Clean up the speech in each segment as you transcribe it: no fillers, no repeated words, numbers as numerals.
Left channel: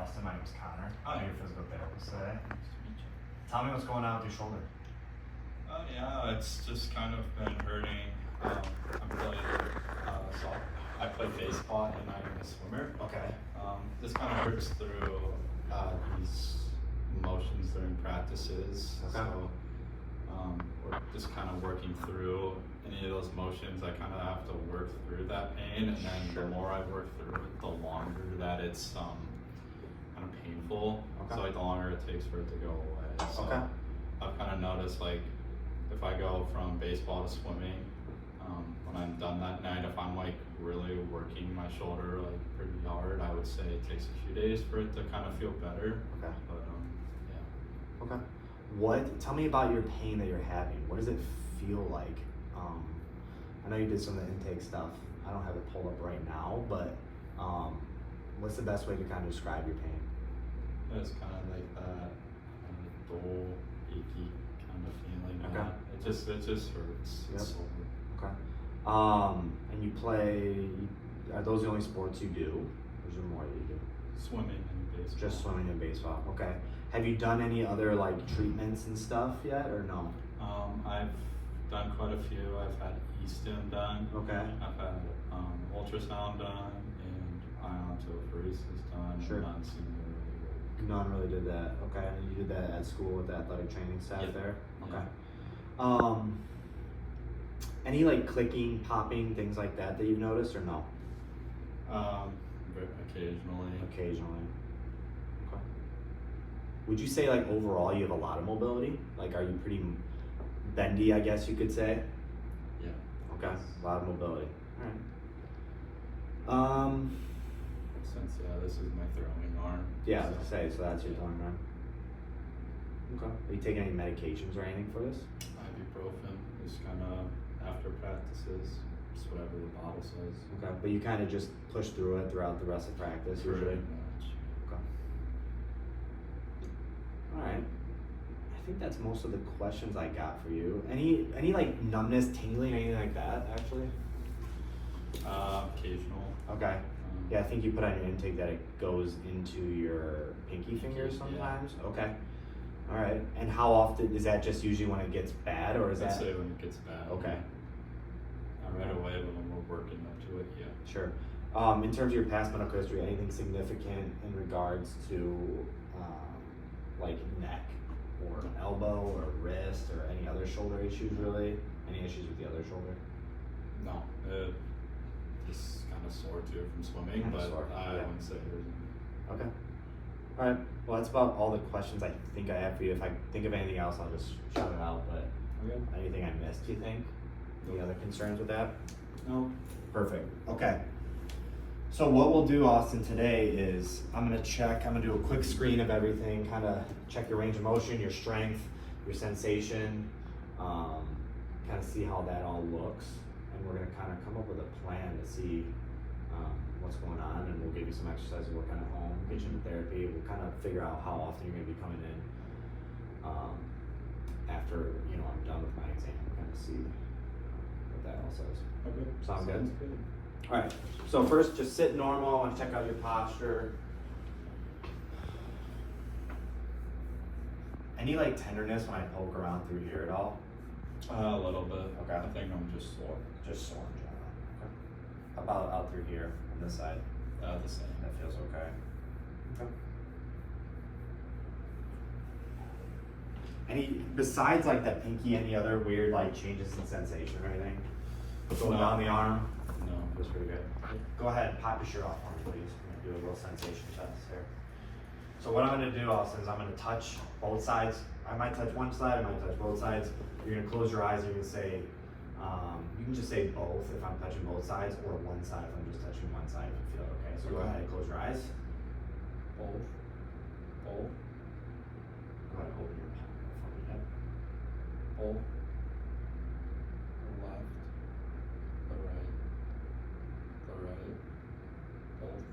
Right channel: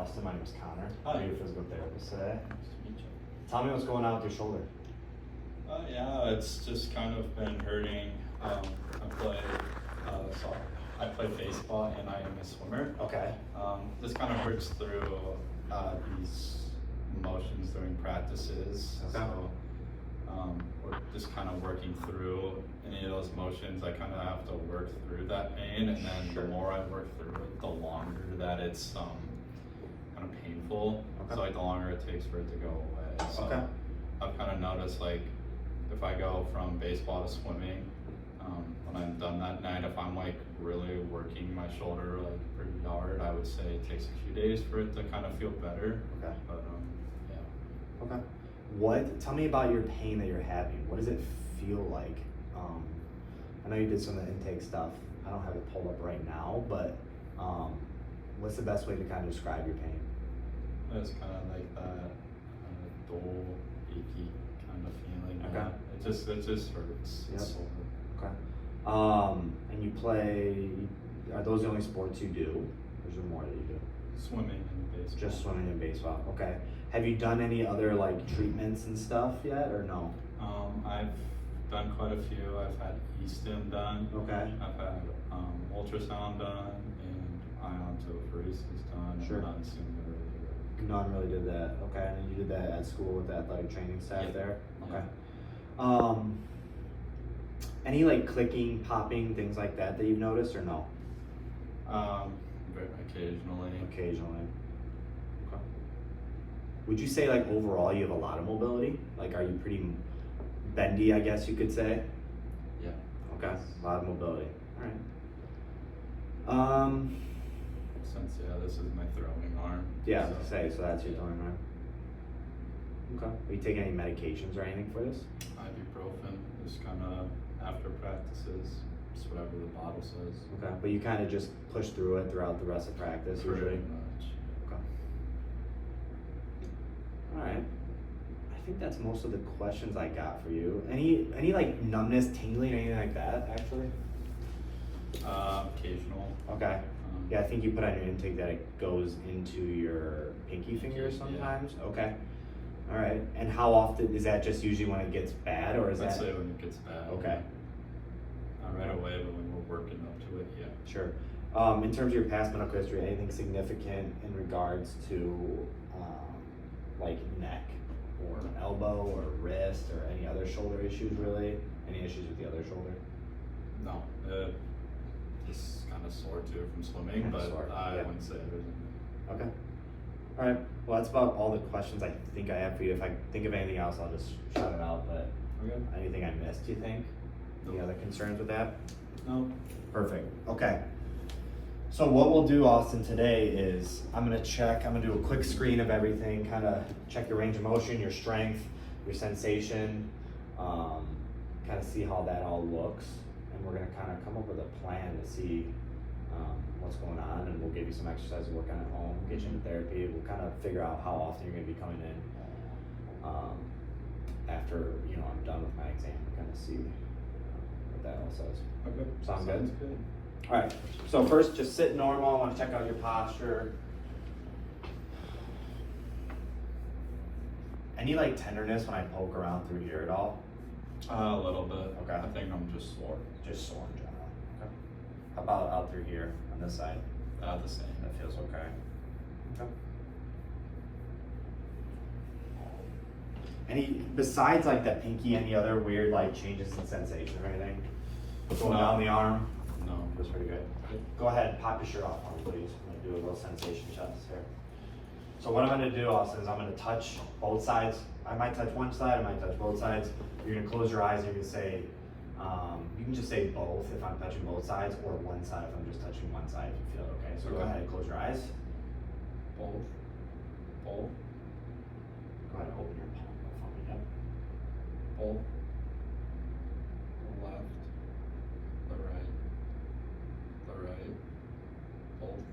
Austin. My name is Connor. I'm your physical therapist today. Tell me what's going on with your shoulder. Yeah, it's just kind of been hurting. I play baseball and I'm a swimmer. Okay. This kind of hurts through these motions during practices. Okay. So we're just kind of working through any of those motions. I kind of have to work through that pain, and then the more I work through it, the longer that it's kind of painful. Okay. So like the longer it takes for it to go away. So Okay. I've kind of noticed, like, if I go from baseball to swimming, when I'm done that night, if I'm like really working my shoulder like pretty hard, I would say it takes a few days for it to kind of feel better. Okay. But yeah. Okay. Tell me about your pain that you're having. What does it feel like? I know you did some of the intake stuff. I don't have it pulled up right now, but what's the best way to kind of describe your pain? It's kind of like that dull, achy kind of feeling. Okay. It just hurts. Yep. It's sore. Okay. And you play, are those the only sports you do? Or is there more that you do? Swimming and baseball. Just swimming and baseball. Okay. Have you done any other like treatments and stuff yet, or no? I've done quite a few. I've had e-stim done. Okay. I've had ultrasound done and iontophoresis done. Sure. None seem to really work. None really did that. Okay. And you did that at school with the athletic training staff Yeah. there? Okay. Yeah. Any like clicking, popping, things like that you've noticed, or no? Occasionally. Occasionally. Okay. Would you say like overall you have a lot of mobility? Like are you pretty bendy, I guess you could say? Yeah. Okay. A lot of mobility. All right. Since this is my throwing arm. Yeah, I was gonna say, so that's your throwing arm. Okay. Are you taking any medications or anything for this? Ibuprofen is kind of after practices. It's whatever the bottle says. Okay. But you kind of just push through it throughout the rest of practice usually? Pretty much. Okay. All right. I think that's most of the questions I got for you. Any like numbness, tingling, anything like that actually? Occasional. Okay. Yeah, I think you put on your intake that it goes into your pinky fingers Yeah. sometimes. Okay. All right. And how often is that? Just usually when it gets bad, or is I'd that? say when it gets bad. Okay. Not right away, but when we're working up to it, yeah. Sure. In terms of your past medical history, anything significant in regards to like neck or elbow or wrist or any other shoulder issues really? Any issues with the other shoulder? No, just kind of sore too from swimming, Kinda but sore, I yeah. wouldn't say there's any. Okay. All right. Well, that's about all the questions I think I have for you. If I think of anything else, I'll just shout it out. But Okay. anything I missed, do you think? Any Nope. other concerns with that? No. Perfect. Okay. So what we'll do, Austin, today is I'm gonna do a quick screen of everything, kind of check your range of motion, your strength, your sensation, kind of see how that all looks. And we're gonna kind of come up with a plan to see what's going on, and we'll give you some exercises to work on at home, get you into therapy. We'll kind of figure out how often you're gonna be coming in after, I'm done with my exam, kind of see what that all says. Okay. Sound good? Sounds good. All right, so first just sit normal. I want to check out your posture. Any like tenderness when I poke around through here at all? A little bit. Okay. I think I'm just sore. Just sore in general. Okay. How about out through here on this side? The same. That feels okay. Okay. Any, besides like that pinky, any other weird like changes in sensation or anything? Going down the arm? No. Feels pretty good. Go ahead and pop your shirt off for me, please. I'm gonna do a little sensation test here. So what I'm gonna do, Austin, is I'm gonna touch both sides. I might touch one side, I might touch both sides. You're gonna close your eyes and you're gonna say, you can just say both if I'm touching both sides, or one side if I'm just touching one side if you feel okay. So go ahead and close your eyes. Both. Both. Go ahead and open your palm up for me. Yep. Both. The left. The right. The right. Both.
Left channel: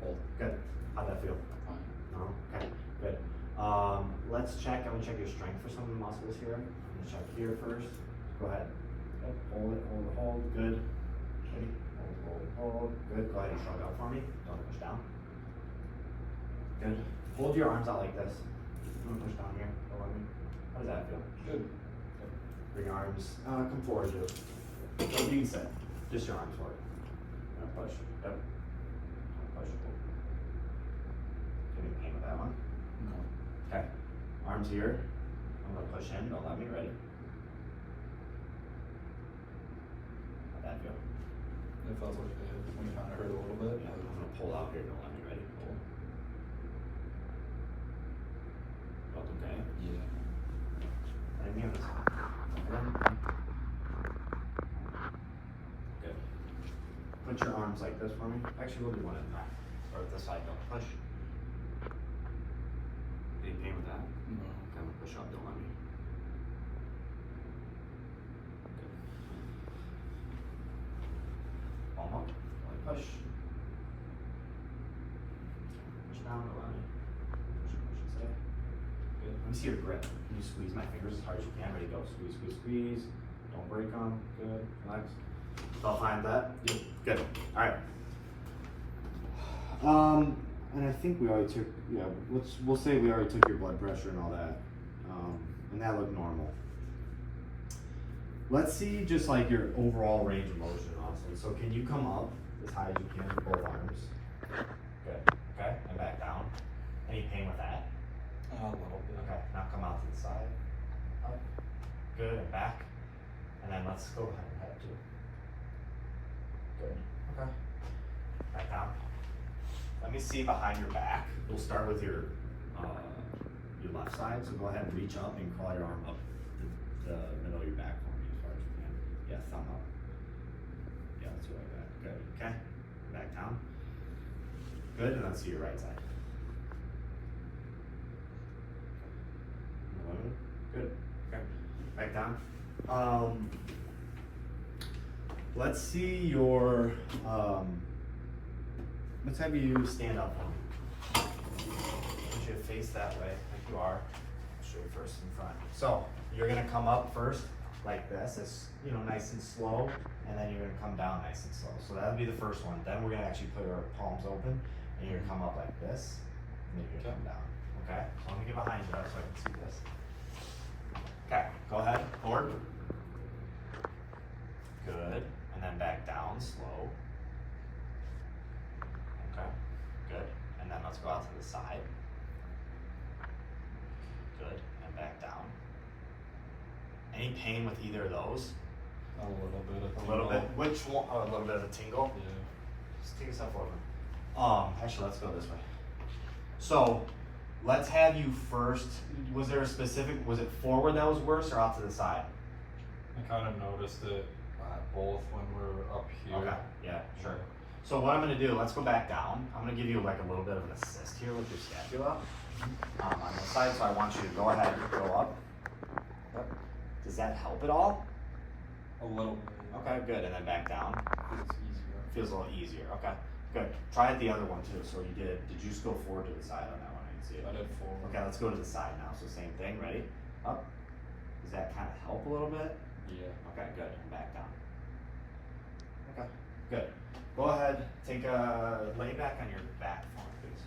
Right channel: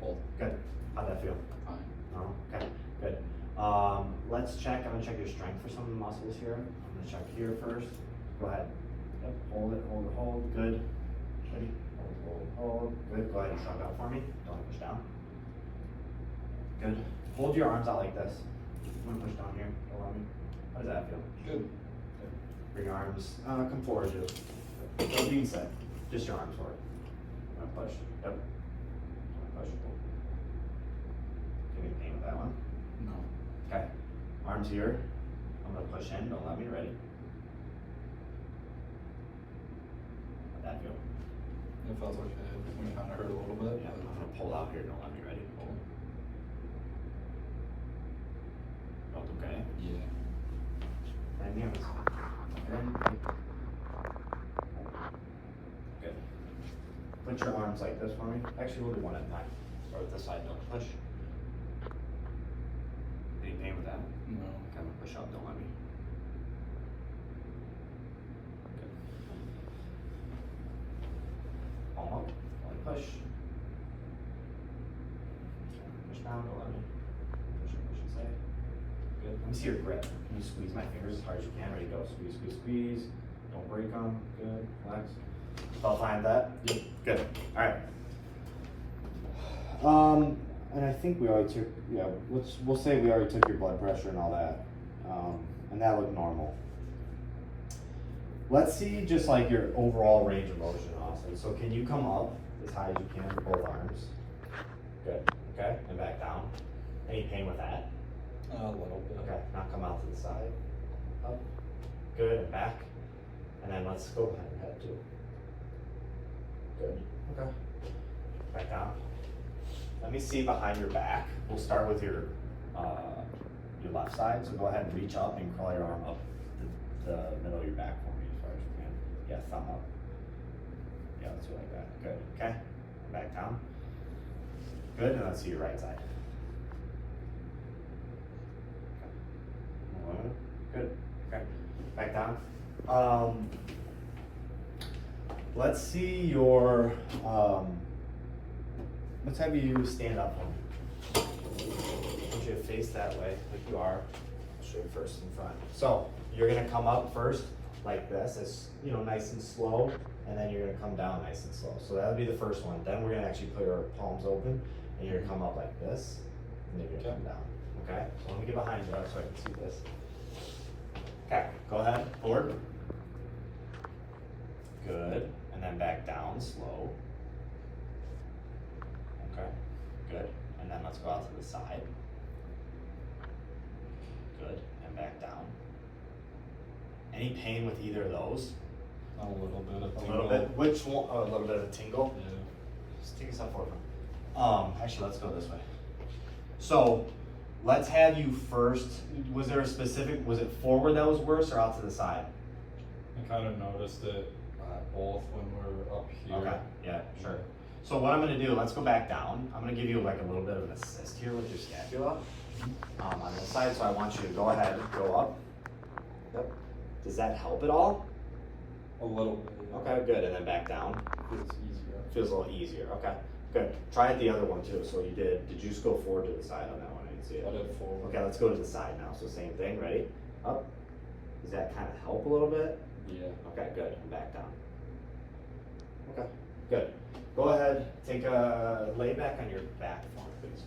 Both. Good. How'd that feel? Fine. No? Okay, good. Let's check, I'm gonna check your strength for some of the muscles here. I'm gonna check here first. Go ahead. Yep, hold it, good. Ready? Hold, good. Go ahead and shrug out for me. Don't push down. Good. Hold your arms out like this. I'm gonna push down here. How does that feel? Good. Bring your arms, come forward, dude. Don't being set. Just your arms forward. Now push. Yep. Push. Give me pain with that one. No. Okay. Arms here. I'm gonna push in. Don't let me. Ready? How'd that feel? It felt okay. It kind of hurt a little bit. Yeah, I'm gonna pull out here. Don't let me. Ready? Pull. Felt okay? Yeah. Right hands. Good. Put your arms like this for me. Actually, we'll do one at a time. Or this side, don't push. Any pain with that? No. Kind of push up, don't let me. Good. Almost. Only push. Push down, don't let me. Push and stay. Good. Let me see your grip. Can you squeeze my fingers as hard as you can? Ready, go. Squeeze, squeeze, squeeze. Don't break them. Good. Relax. Felt fine with that? Yep. Good. All right. And I think we already took, yeah, we'll say we already took your blood pressure and all that. And that looked normal. Let's see just like your overall range of motion, honestly. So can you come up as high as you can with both arms? Good. Okay. And back down. Any pain with that? A little bit. Okay. Now come out to the side. Up. Good. And back. And then let's go behind your head too. Good. Okay. Back down. Let me see behind your back. We'll start with your left side. So go ahead and reach up and curl your arm up the middle of your back for me as far as you can. Yeah, thumb up. Yeah, let's go like that. Good. Okay. Back down. Good. And let's see your right side. Good. Okay. Back down. Let's see your let's have you stand up for me. I want you to face that way, like you are. Straight first in front. So you're gonna come up first like this, as nice and slow, and then you're gonna come down nice and slow. So that'll be the first one. Then we're gonna actually put our palms open, and you're gonna come up like this, and then you're gonna come down. Okay. So let me get behind you so I can see this. Okay. Go ahead. Forward. Good. And then back down slow. Okay, good. And then let's go out to the side. Good. And back down. Any pain with either of those? A little bit. A little bit. Which one? Oh, a little bit of a tingle? Yeah. Just take a step forward. Actually, let's go this way. So, let's have you first. Was there a specific, was it forward that was worse or out to the side? I kind of noticed it both when we're up here. Okay, yeah, sure. So what I'm gonna do, let's go back down. I'm gonna give you like a little bit of an assist here with your scapula on this side. So I want you to go ahead and go up. Yep. Does that help at all? A little bit. Okay, good. And then back down. Feels easier. Feels a little easier. Okay, good. Try it the other one too. So did you just go forward to the side on that one? I didn't see it. I did forward. Okay, let's go to the side now. So same thing. Ready? Up. Does that kind of help a little bit? Yeah. Okay, good. And back down. Okay, good. Go ahead, take a lay back on your back for me, please.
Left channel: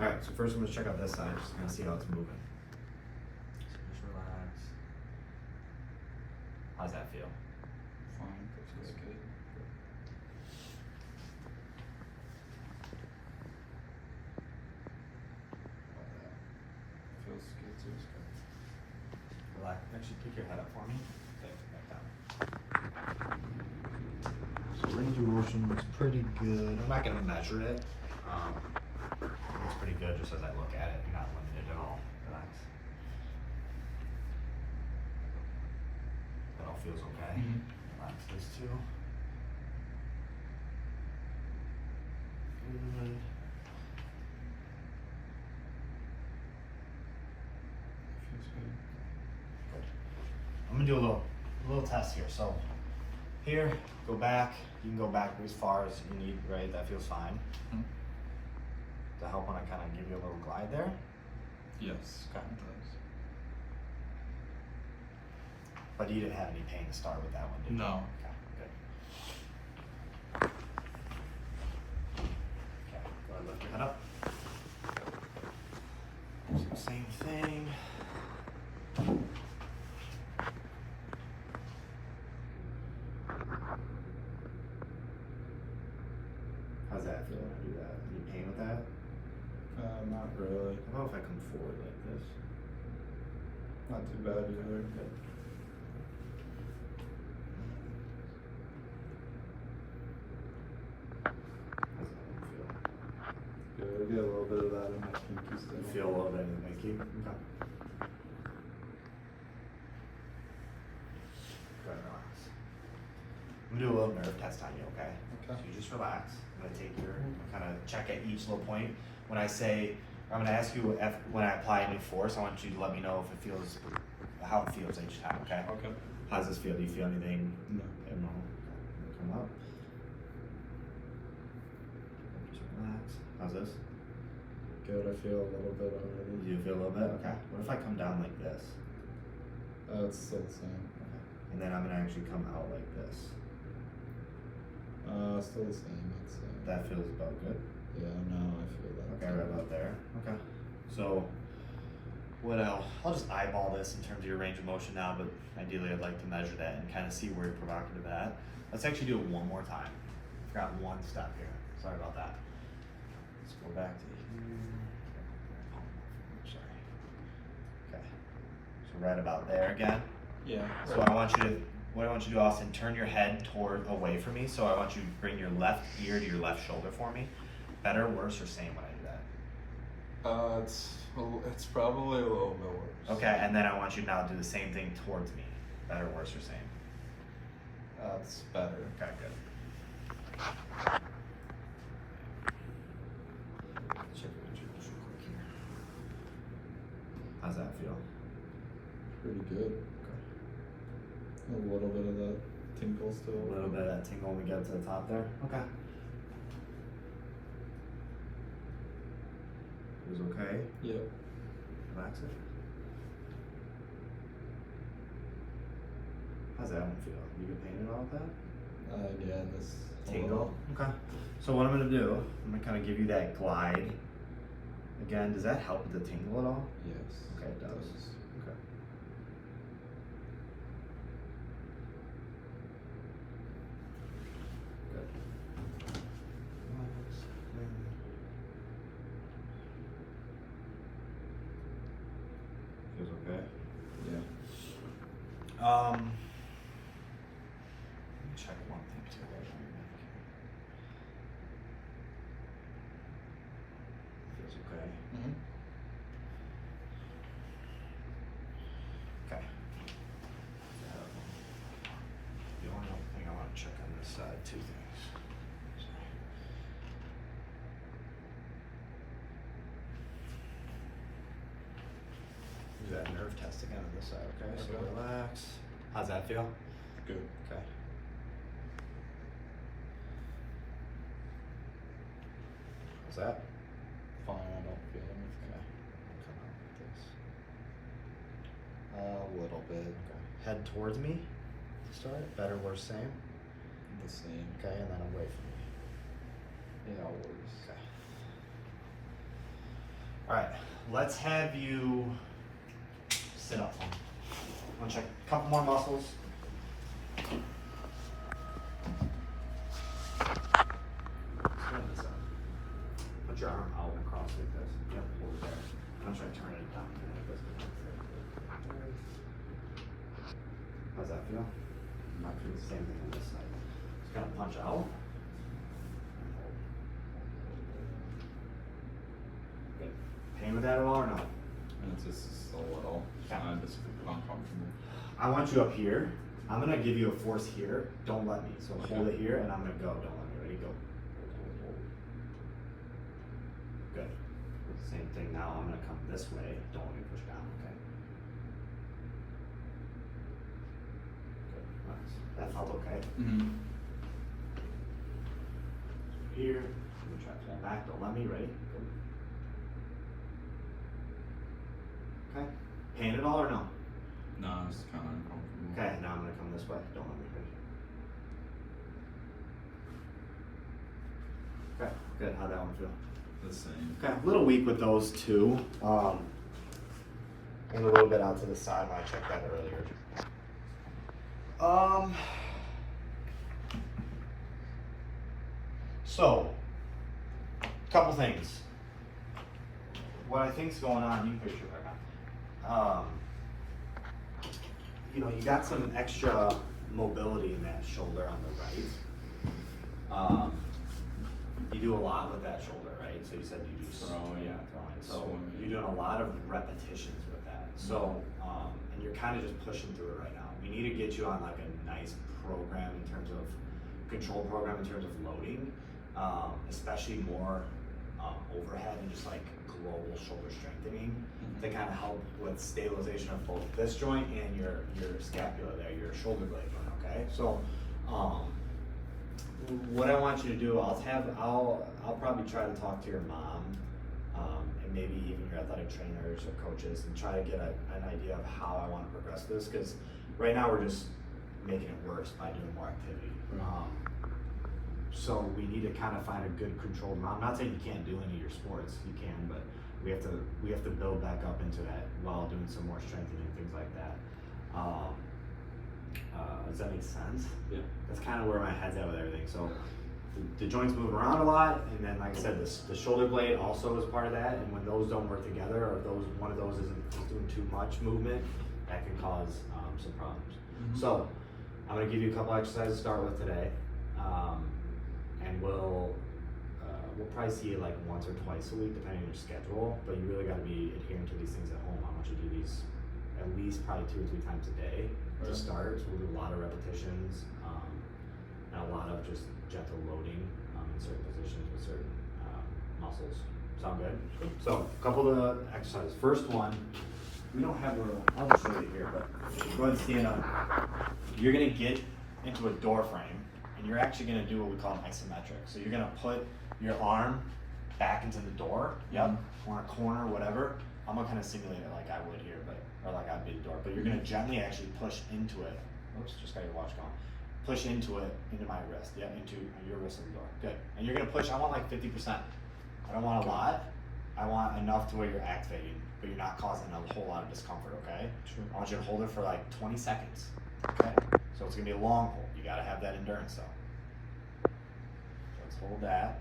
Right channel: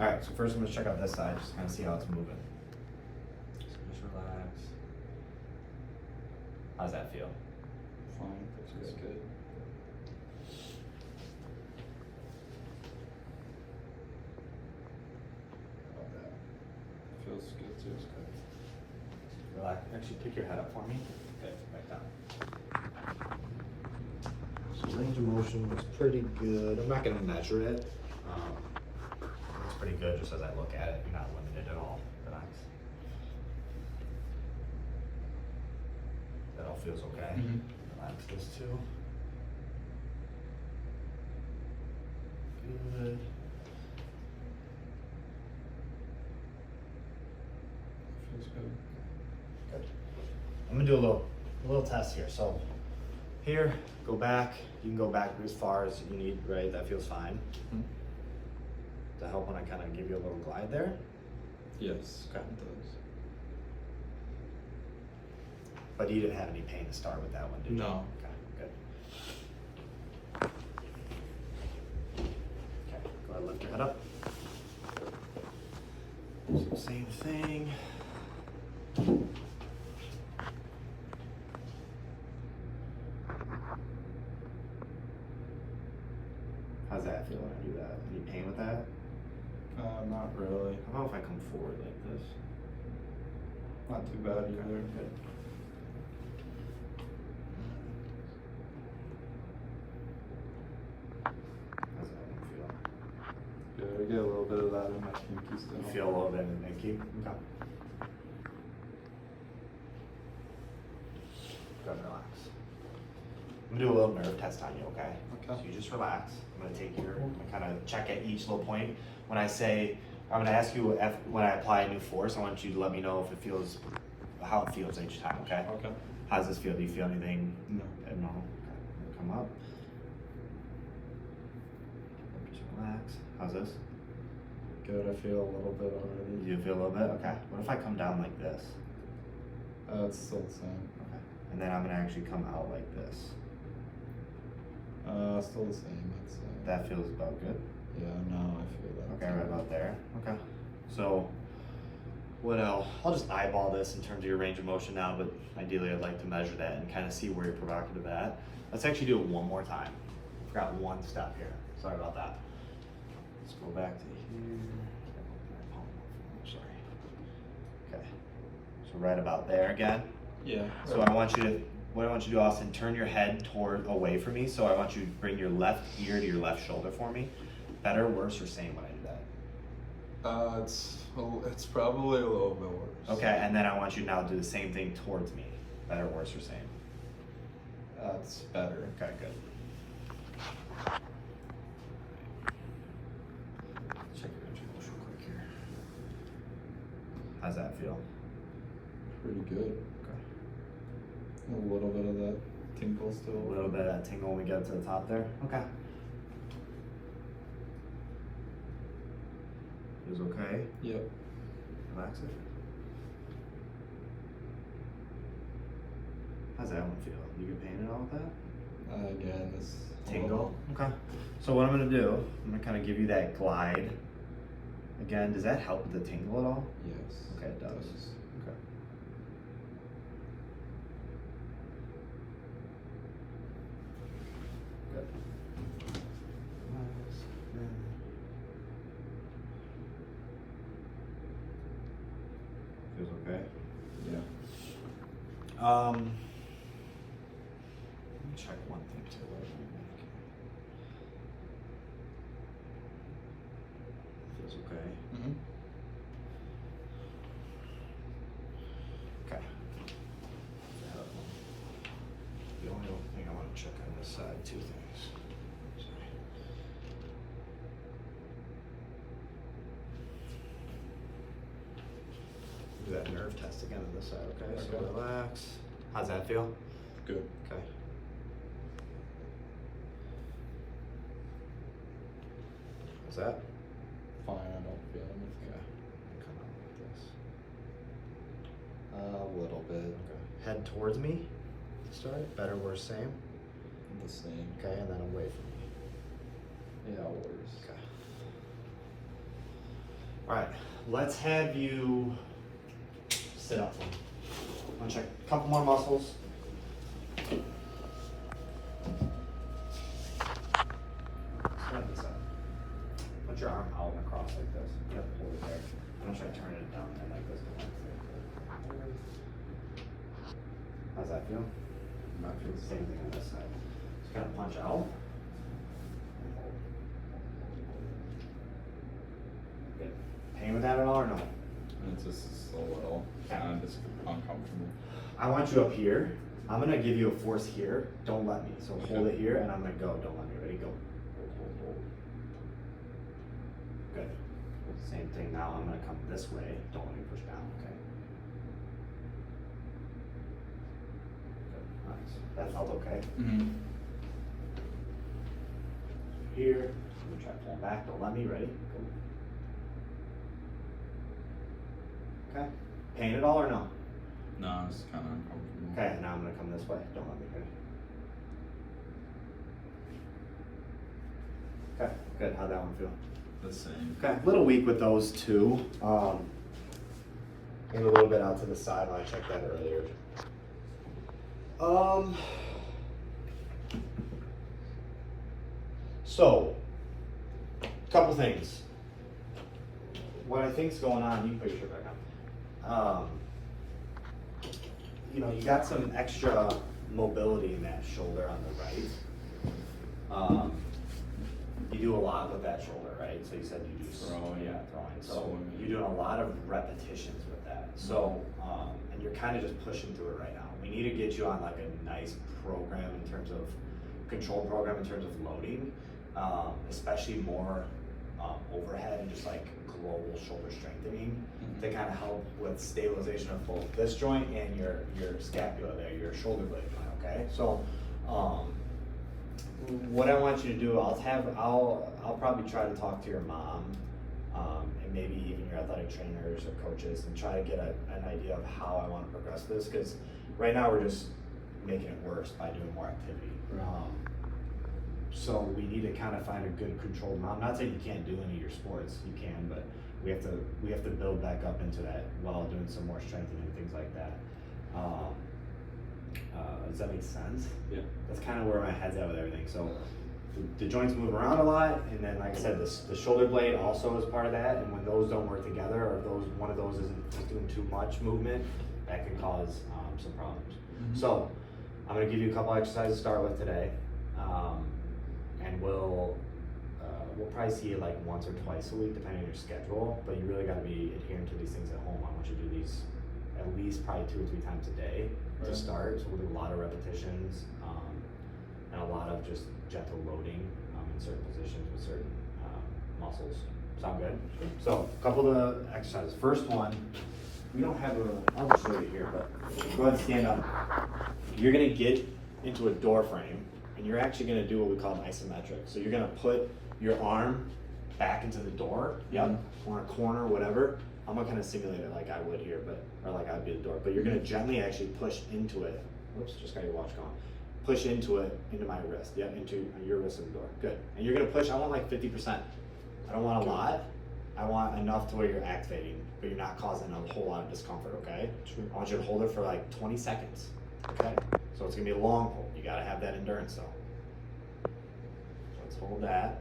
All right, so first I'm gonna check out this side, just kind of see how it's moving. Just relax. How's that feel? Fine. Feels good. Feels good. Feels good. Relax. Actually, kick your head up for me. Okay, back down. So range of motion looks pretty good. I'm not gonna measure it. Looks pretty good just as I look at it. You're not limited at all. Relax. That all feels okay. Relax this too. Good. Feels good. Good. I'm gonna do a little test here. So here, go back. You can go back as far as you need, right? That feels fine. To help when I kind of give you a little glide there. Yes, Okay. it does. But you didn't have any pain to start with that one, did you? No. Okay, good. Go ahead, lift that up. So same thing. How's that feel when I do that? Any pain with that? Not really. How about if I come forward like this? Not too bad either. Good. How's that one feel? Good. I get a little bit of that in my pinky still. You feel a little bit in the Mickey? Okay. Good, relax. I'm gonna do a little nerve test on you, okay? Okay. So you just relax. I'm gonna take your, I'm gonna kind of check at each little point. When I say, I'm gonna ask you if, when I apply a new force, I want you to let me know if it feels, how it feels each time, okay? Okay. How does this feel? Do you feel anything? No. No. Okay. Come up. Just relax. How's this? Good. I feel a little bit already. Do you feel a little bit? Okay. What if I come down like this? It's still the same. Okay. And then I'm gonna actually come out like this. Still the same. I'd say. That feels about good. Yeah. No, I feel that. Okay, right about there. Okay. So, what else? I'll just eyeball this in terms of your range of motion now, but ideally I'd like to measure that and kind of see where you're provocative at. Let's actually do it one more time. Forgot one step here. Sorry about that. Let's go back to here. Sorry. Okay. So right about there again. Yeah. So I want you to, what I want you to do, Austin, turn your head toward away from me. So I want you to bring your left ear to your left shoulder for me. Better, worse, or same when I do that? It's probably a little bit worse. Okay, and then I want you to now do the same thing towards me. Better, worse, or same? That's better. Okay, good. Check your introduction real quick here. How's that feel? Pretty good. Okay. A little bit of that tinkle still. A little bit of that tingle when we get to the top there. Okay. Is okay? Yep. Relax it. How's that one feel? You get pain at all with that? Again, this Tingle. Okay. So what I'm gonna do, I'm gonna kind of give you that glide. Again, does that help with the tingle at all? Yes. Okay, it does. Okay. Good. Feels okay. Yeah. Let me check one thing too. Feels okay. Mm-hmm. Okay. The only other thing I want to check on this side, two things. Do that nerve test again on this side, okay? So Okay. relax. How's that feel? Good. Okay. How's that? Fine. I don't feel anything. Okay. Come down like this. A little bit. Okay. Head towards me. Start. Better, worse, same. The same. Okay, and then away from me. Yeah, worse. Okay. Alright, let's have you sit up for me. I'm gonna check a couple more muscles. Stand this up. Put your arm out and across like this. Yep, hold it there. I'm gonna try to turn it down there like this. How's that feel? Not doing the same thing on this side. Just gotta punch out. Good. Pain with that at all or no? It's just a little. Kind of just uncomfortable. I want you up here. I'm gonna give you a force here. Don't let me. So hold it here and I'm gonna go. Don't let me. Ready? Go. Hold. Good. Same thing now. I'm gonna come this way. Don't let me push down, okay? Good. Nice. That felt okay. Mm-hmm. Here. I'm gonna try to pull back. Don't let me. Ready? Go. Okay. Pain at all or no? No, it's kind of uncomfortable. Okay, now I'm gonna come this way. Don't let me go. Okay, good. How'd that one feel? The same. Okay, a little weak with those two. And a little bit out to the side when I checked that earlier. So, couple things. What I think's going on, you put your foot back on. You got some extra mobility in that shoulder on the right. You do a lot with that shoulder, right? So you said you do Throwing. Yeah, throwing. So Swimming. you're doing a lot of repetitions with that. So, and you're kind of just pushing through it right now. We need to get you on like a nice program in terms of control program in terms of loading, especially more overhead and just like global shoulder strengthening to kind of help with stabilization of both this joint and your scapula there, your shoulder blade joint. Okay, so what I want you to do, I'll probably try to talk to your mom, and maybe even your athletic trainers or coaches, and try to get an idea of how I want to progress this, because right now we're just making it worse by doing more activity. So we need to kind of find a good controlled amount. Not saying you can't do any of your sports, you can, but we have to build back up into that while doing some more strengthening and things like that. Does that make sense? Yeah. That's kind of where my head's at with everything. So the joints move around a lot, and then like I said, the shoulder blade also is part of that. And when those don't work together, or one of those isn't doing too much movement, that can cause some problems. So I'm going to give you a couple exercises to start with today, and we'll probably see you like once or twice a week, depending on your schedule. But you really got to be adhering to these things at home. I want you to do these at least probably 2 or 3 times a day to start. So we'll do a lot of repetitions and a lot of just gentle loading in certain positions with certain muscles. Sound good? So a couple of exercises. First one, we don't have I'll just show you here, but go ahead and stand up. You're gonna get into a door frame, and you're actually gonna do what we call an isometric. So you're gonna put your arm back into the door, or a corner, whatever. I'm gonna kind of simulate it like I would here, or like I would be the door. But you're gonna gently actually push into it. Oops, just got your watch going. Push into it, into my wrist. Yeah, into your wrist of the door. Good. And you're gonna push, I want like 50%. I don't want a lot. I want enough to where you're activating, but you're not causing a whole lot of discomfort, okay? Sure. I want you to hold it for like 20 seconds, okay? So it's gonna be a long hold. You gotta have that endurance though. Let's hold that.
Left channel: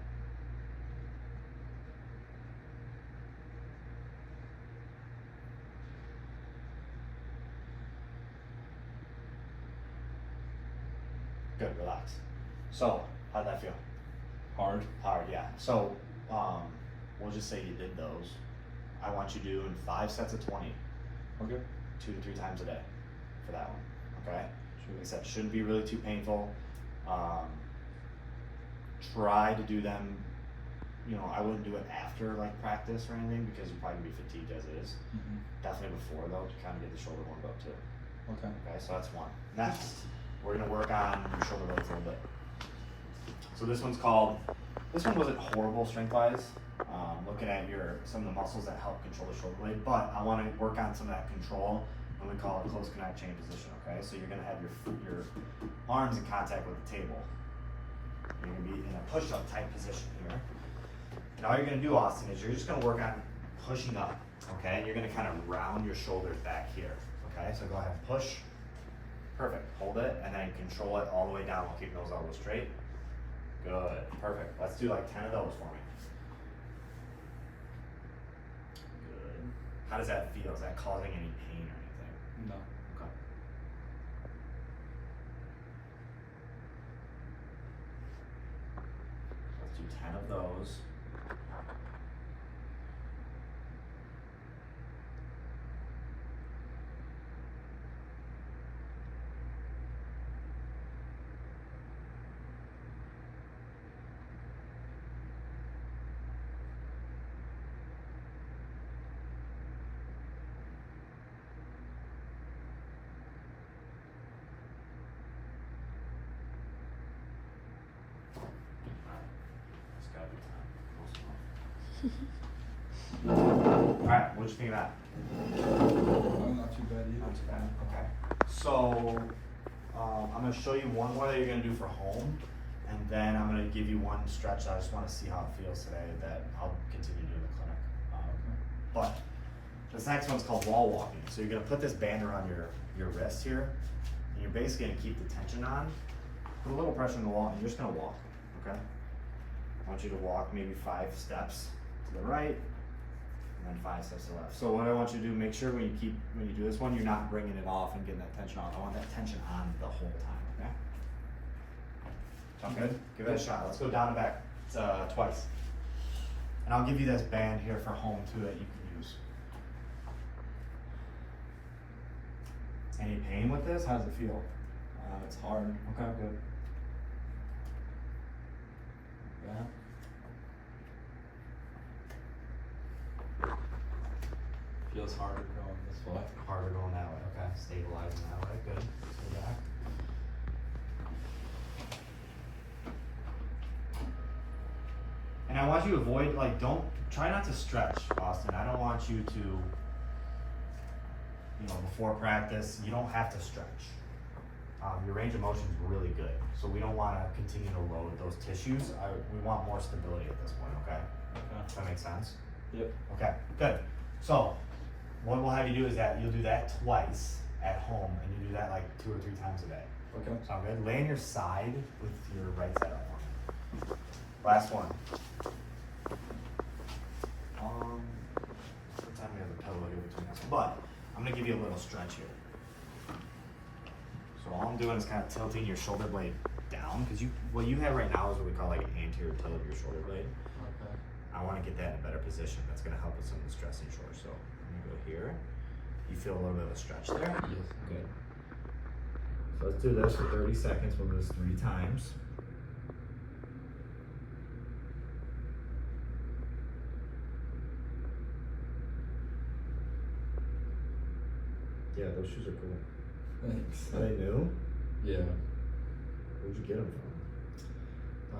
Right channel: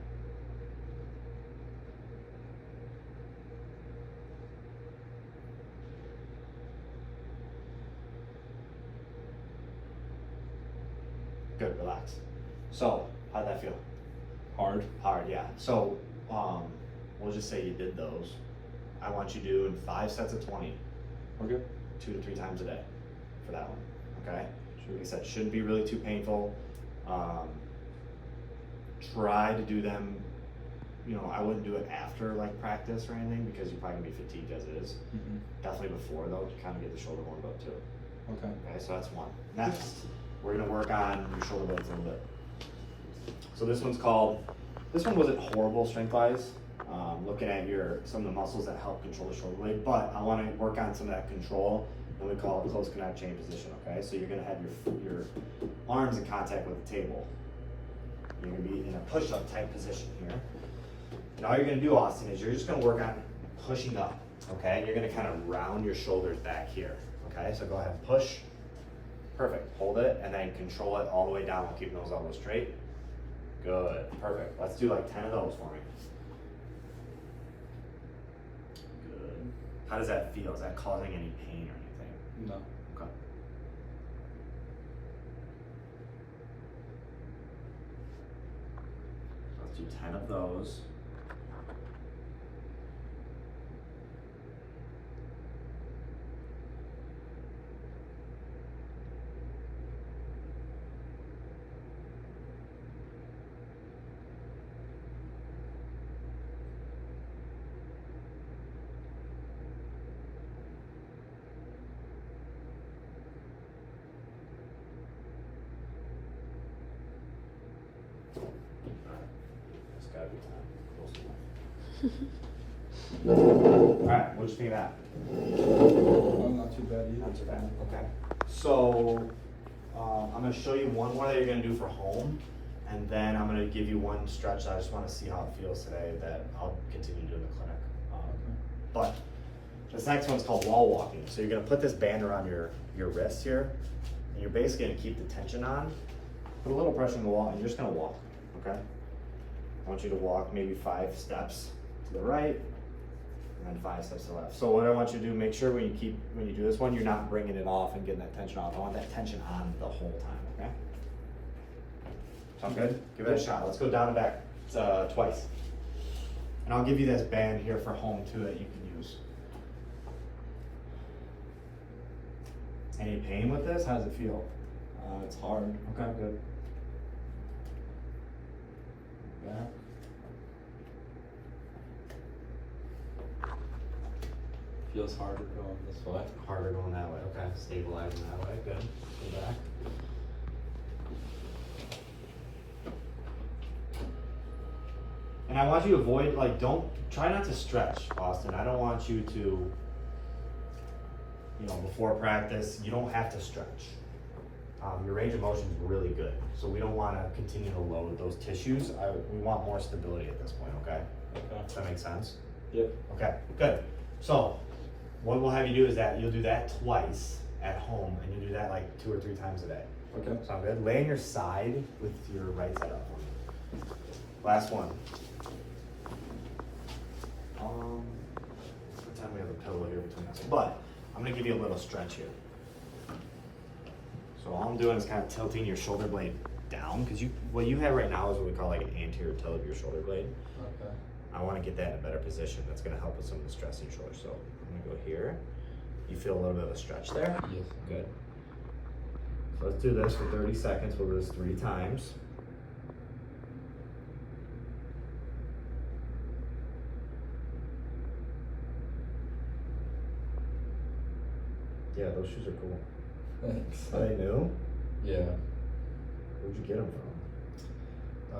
Good, relax. So, how'd that feel? Hard. Hard, yeah. So, we'll just say you did those. I want you to do in 5 sets of 20. Okay. 2 to 3 times a day for that one, okay? Like I said, shouldn't be really too painful. Try to do them, I wouldn't do it after like practice or anything, because you're probably gonna be fatigued as it is. Definitely before though, to kind of get the shoulder warmed up too. Okay, so that's one. Next, we're gonna work on your shoulder blades a little bit. So this one wasn't horrible strength-wise. Looking at some of the muscles that help control the shoulder blade, but I want to work on some of that control, and we call it close connect chain position. Okay, so you're gonna have your arms in contact with the table. You're gonna be in a push-up type position here. And all you're gonna do, Austin, is you're just gonna work on pushing up. Okay, and you're gonna kind of round your shoulders back here. Okay, so go ahead and push. Perfect. Hold it, and then control it all the way down while keeping those elbows straight. Good. Perfect. Let's do like 10 of those for me. Good. How does that feel? Is that causing any pain or anything? No. Okay. Let's do 10 of those. Alright, right, what'd you think of that? Oh, not too bad either. Not too bad. Okay. So, I'm gonna show you one more that you're gonna do for home, and then I'm gonna give you one stretch that I just wanna see how it feels today that I'll continue doing in the clinic. But this next one's called wall walking. So you're gonna put this band around your wrist here, and you're basically gonna keep the tension on, put a little pressure on the wall, and you're just gonna walk, okay? I want you to walk maybe 5 steps to the right, and then 5 steps to the left. So what I want you to do, make sure when you do this one, you're not bringing it off and getting that tension off. I want that tension on the whole time, okay? Sound good? Give it a shot. Let's go down and back twice. And I'll give you this band here for home too that you can use. Any pain with this? How does it feel? It's hard. Okay, good. Yeah. Feels harder going this way. Harder going that way. Okay, stabilizing that way. Good. Go back. And I want you to avoid, try not to stretch, Austin. I don't want you to, before practice, you don't have to stretch. Your range of motion is really good. So we don't want to continue to load those tissues. We want more stability at this point, okay? Okay. Does that make sense? Yep. Okay, good. So, what we'll have you do is that you'll do that twice at home, and you do that like 2 or 3 times a day. Okay. Sound good? Lay on your side with your right side up for me. Last one. Pretend we have a pillow here between us, but I'm gonna give you a little stretch here. So all I'm doing is kind of tilting your shoulder blade down, because what you have right now is what we call like an anterior tilt of your shoulder blade. Okay. I want to get that in a better position. That's going to help with some of the stress in your shoulder. So I'm going to go here. You feel a little bit of a stretch there? Yes. Good. So let's do this for 30 seconds. We'll do this 3 times. Yeah, those shoes are cool. Thanks. Are they new? Yeah. Where'd you get them from?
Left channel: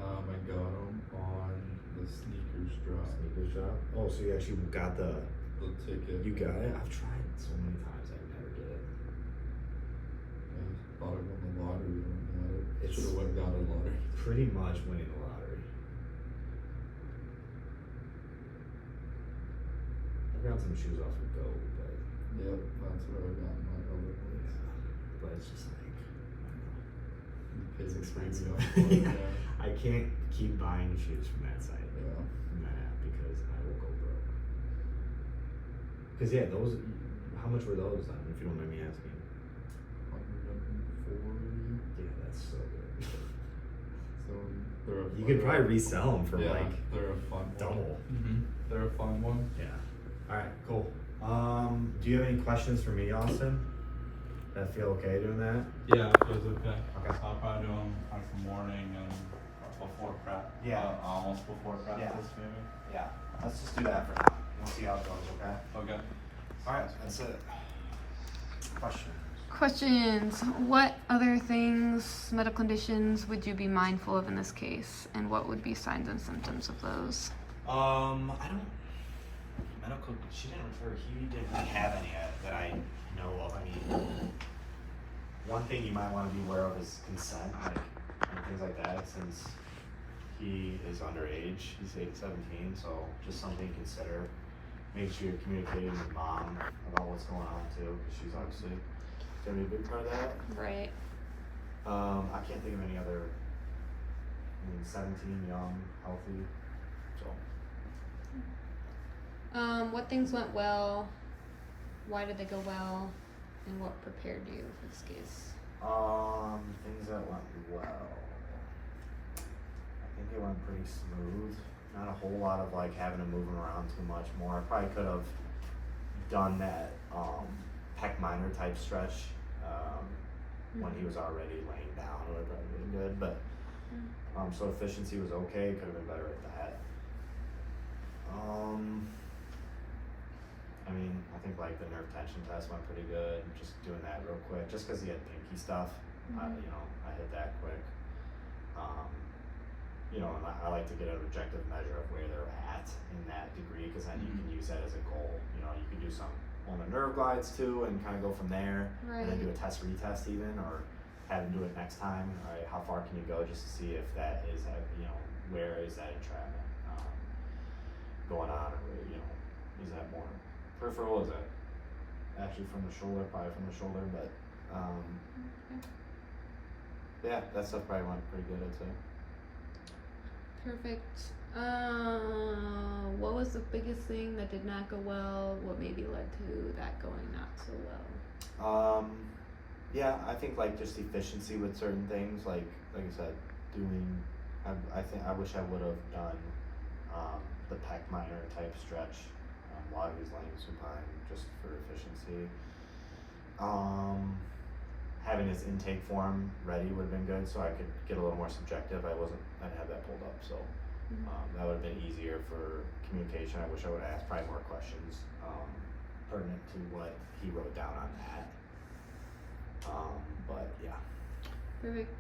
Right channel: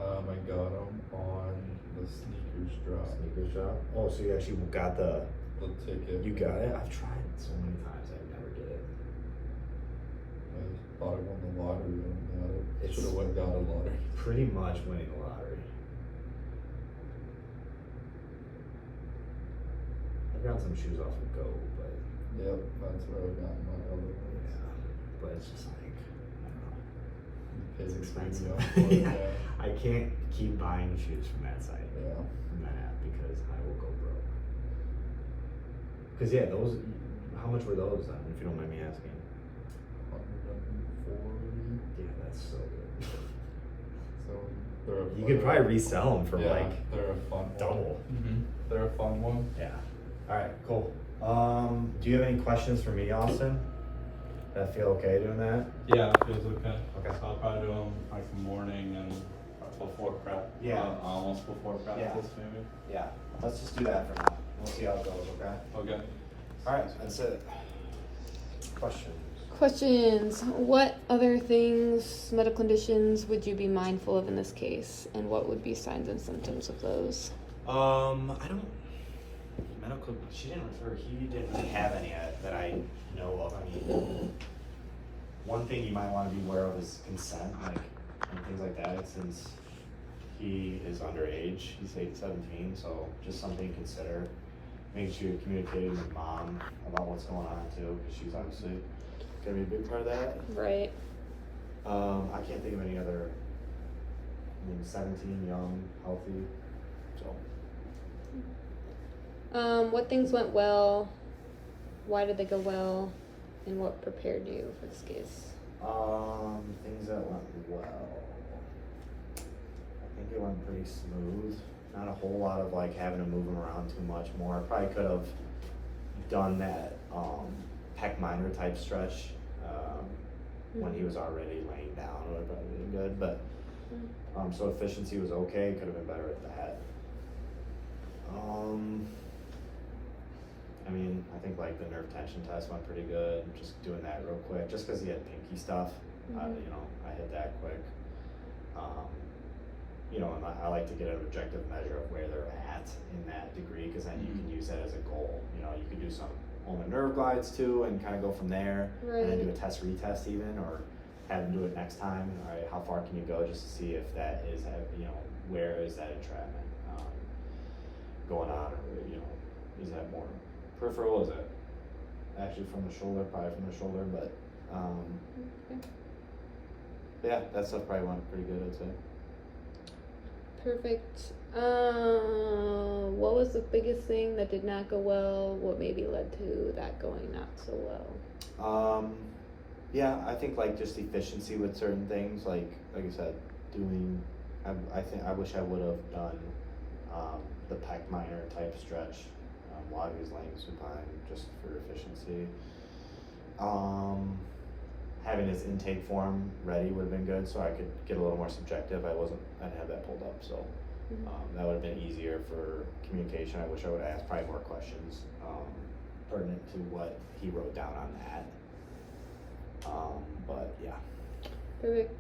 I got them on the sneakers drop. Sneakers shop? Oh, so you actually got the ticket. You got it? I've tried so many times. I never get it. I thought I won the lottery. I It's- should have went and got a lottery. Pretty much winning the lottery. I've got some shoes off of Go, but Yep, that's what I got in my other ones. but it's just like, I don't know. You paid It's the expensive. premium for it, yeah. I can't keep buying shoes from that site, Yeah. from that app, because I will go broke. Because yeah, those, how much were those then, if you don't mind me asking? 140. Yeah, that's so good. So they're a You fun could probably one. resell them for Yeah, like they're a fun double. one. They're a fun one. Yeah. All right, cool. Do you have any questions for me, Austin? That feel okay doing that? Yeah, it feels okay. Okay. I'll probably do them like morning and before prep. Yeah. Almost before practice, maybe. Yeah. Let's just do that for now. We'll see how it goes, okay? Okay. All right, that's it. Question. Questions. What other things, medical conditions, would you be mindful of in this case? And what would be signs and symptoms of those? He didn't have any that I know of. I mean, one thing you might want to be aware of is consent, and things like that, since he is underage. He's 17, so just something to consider. Make sure you're communicating with mom about what's going on too, because she's obviously gonna be a big part of that. Right. I can't think of any other. 17, young, healthy, so. What things went well? Why did they go well? And what prepared you for this case? Things that went well. I think it went pretty smooth. Not a whole lot of like having to move him around too much more. I probably could have done that pec minor type stretch when he was already laying down. It would have probably been good, but so efficiency was okay. Could have been better at that. I mean, I think like the nerve tension test went pretty good. Just doing that real quick, just because he had pinky stuff. I hit that quick. you know, and I like to get an objective measure of where they're at in that degree, because then you can use that as a goal. You know, you could do some home and nerve glides too, and kind of go from there, and then do a test retest even, or have them do it next time. All right, how far can you go, just to see if that is, you know, where is that entrapment going on, or you know, is that more peripheral? Is that actually from the shoulder? Probably from the shoulder, but yeah, that stuff probably went pretty good, I'd say. Perfect. What was the biggest thing that did not go well? What maybe led to that going not so well? Yeah, I think like just efficiency with certain things, like I said, doing. I wish I would have done the pec minor type stretch while he was laying supine, just for efficiency. Having his intake form ready would have been good, so I could get a little more subjective. I didn't have that pulled up, so that would have been easier for communication. I wish I would have asked probably more questions pertinent to what he wrote down on that. But yeah. Perfect.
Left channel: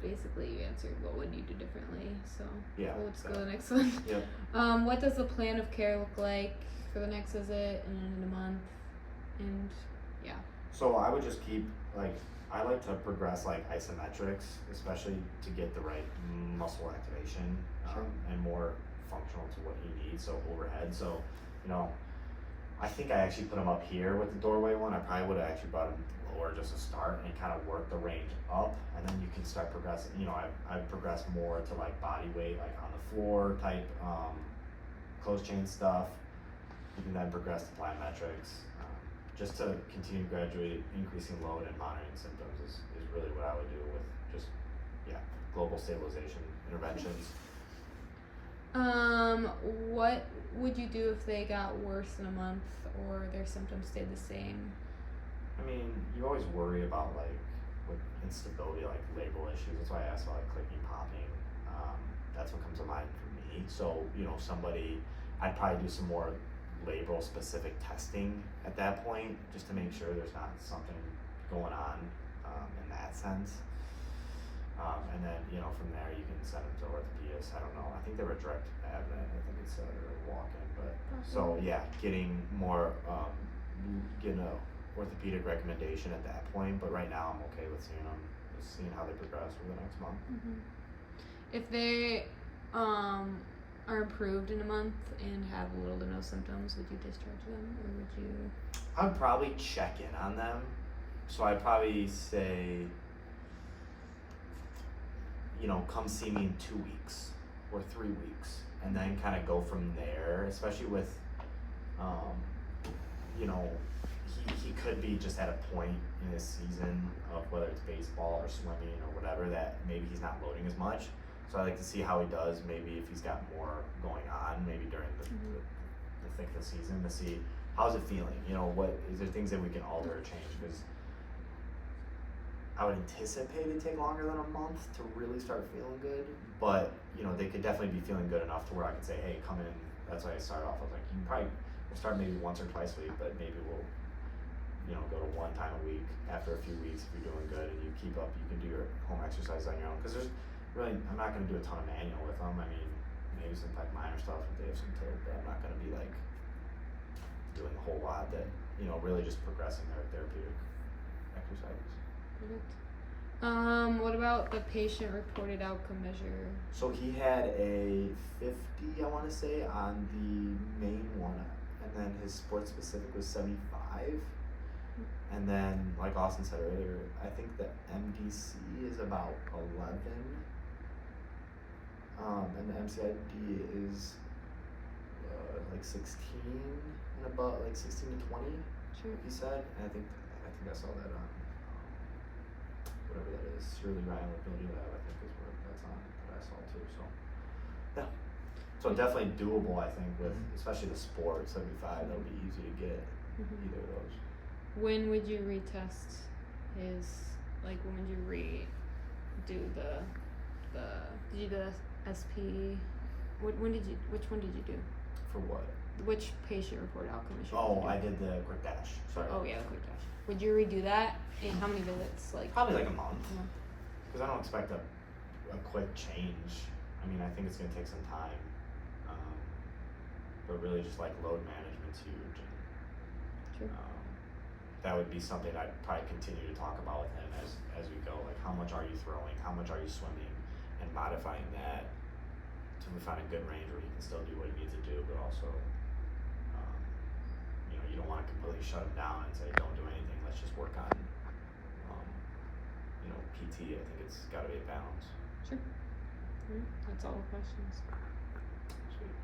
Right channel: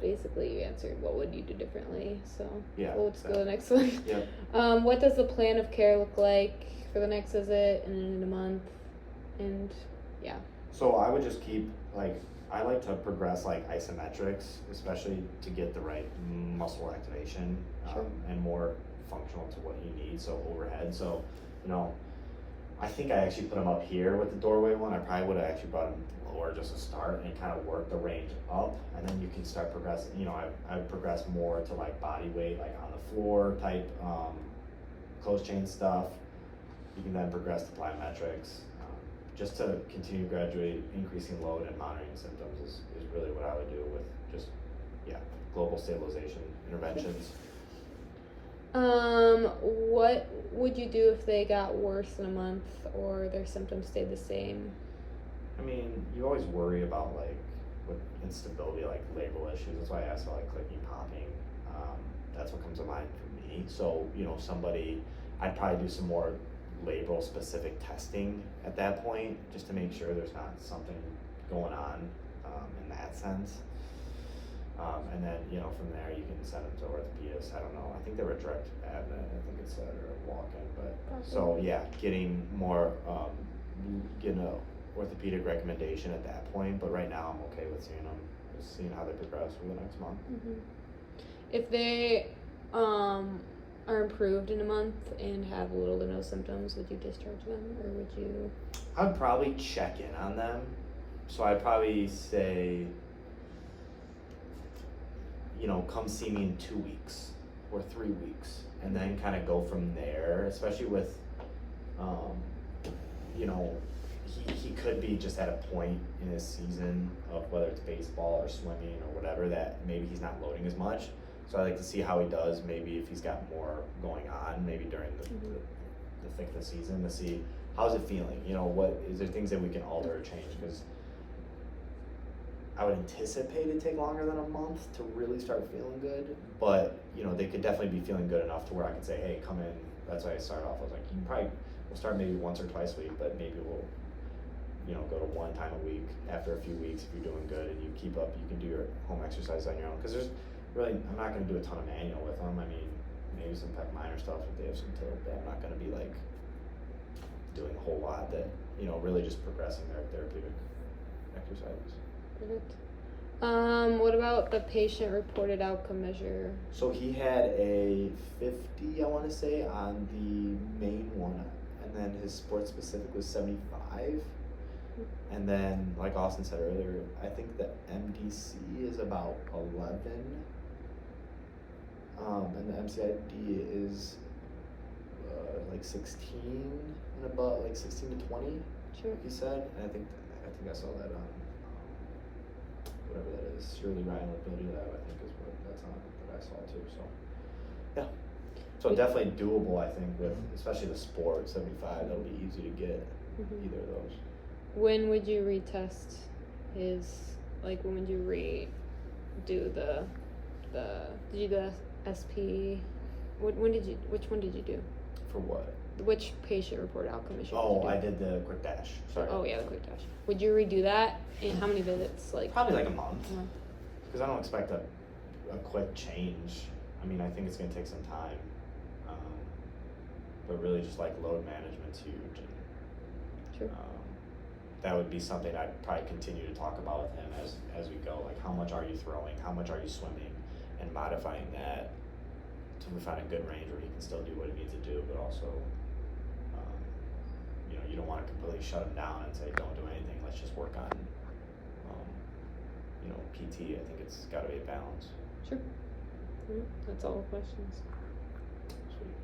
Basically you answered what would you do differently, so Yeah, let's go to the next one. Yep. What does the plan of care look like for the next visit and in a month? And yeah. So I would just keep, like, I like to progress like isometrics, especially to get the right muscle activation and more functional to what he needs. So overhead. So, you know, I think I actually put him up here with the doorway one. I probably would have actually brought him lower just to start and kind of work the range up, and then you can start progressing. You know, I would progress more to like body weight, like on the floor type, closed chain stuff. You can then progress to plyometrics. Just to continue gradually increasing load and monitoring symptoms is really what I would do with just, global stabilization interventions. What would you do if they got worse in a month or their symptoms stayed the same? I mean, you always worry about like with instability, like labral issues. That's why I asked about like clicking, popping. That's what comes to mind for me. So, you know, I'd probably do some more labral specific testing at that point, just to make sure there's not something going on in that sense. And then, you know, from there you can send them to orthopedists. I don't know. I think they were direct admin. I think it's or walk-in, but so yeah, getting more getting a orthopedic recommendation at that point. But right now I'm okay with seeing them, just seeing how they progress for the next month. If they are improved in a month and have little to no symptoms, would you discharge them, or would you? I'd probably check in on them. So I'd probably say, you know, come see me in 2 weeks or 3 weeks, and then kind of go from there, especially with, you know, he could be just at a point in his season of whether it's baseball or swimming or whatever that maybe he's not loading as much. So I like to see how he does, maybe if he's got more going on, maybe during the thick of the season, to see how's it feeling. You know, what is there things that we can alter or change? Because I would anticipate it take longer than a month to really start feeling good, but you know, they could definitely be feeling good enough to where I could say, hey, come in. That's why I started off. I was like, we'll start maybe once or twice a week, but maybe we'll, you know, go to 1 time a week after a few weeks if you're doing good and you keep up. You can do your home exercise on your own, because there's really, I'm not going to do a ton of manual with them. I mean, maybe some like minor stuff if they have some tape, but I'm not going to be like doing a whole lot that, you know, really just progressing their therapeutic exercises. Perfect. What about the patient reported outcome measure? So he had a 50, I want to say, on the main one, and then his sports specific was 75. And then, like Austin said earlier, I think the MDC is about 11. And the MCID is like 16 and about like 16 to 20. Sure. He said, and I think I saw that on whatever that is, Shirley Ryan Mobility Lab. I think is what that's on that I saw too. So yeah, so definitely doable. I think with especially the sport 75, that'll be easy to get either of those. When would you retest his? Like, when would you redo the? Did you go SP? Which one did you do? For what? Which patient reported outcome issue? Oh, I did the quick dash. Sorry. Oh yeah, the quick dash. Would you redo that? And how many visits? Like probably like a month. A month. Because I don't expect a a quick change. I mean, I think it's gonna take some time. But really just like load management's huge. True. That would be something I'd probably continue to talk about with him as we go. Like, how much are you throwing? How much are you swimming? And modifying that to find a good range where he can still do what he needs to do, but also, you know, you don't want to completely shut him down and say, don't do anything. Let's just work on, you know, PT. I think it's got to be a balance. Sure. That's all the questions. Sweet.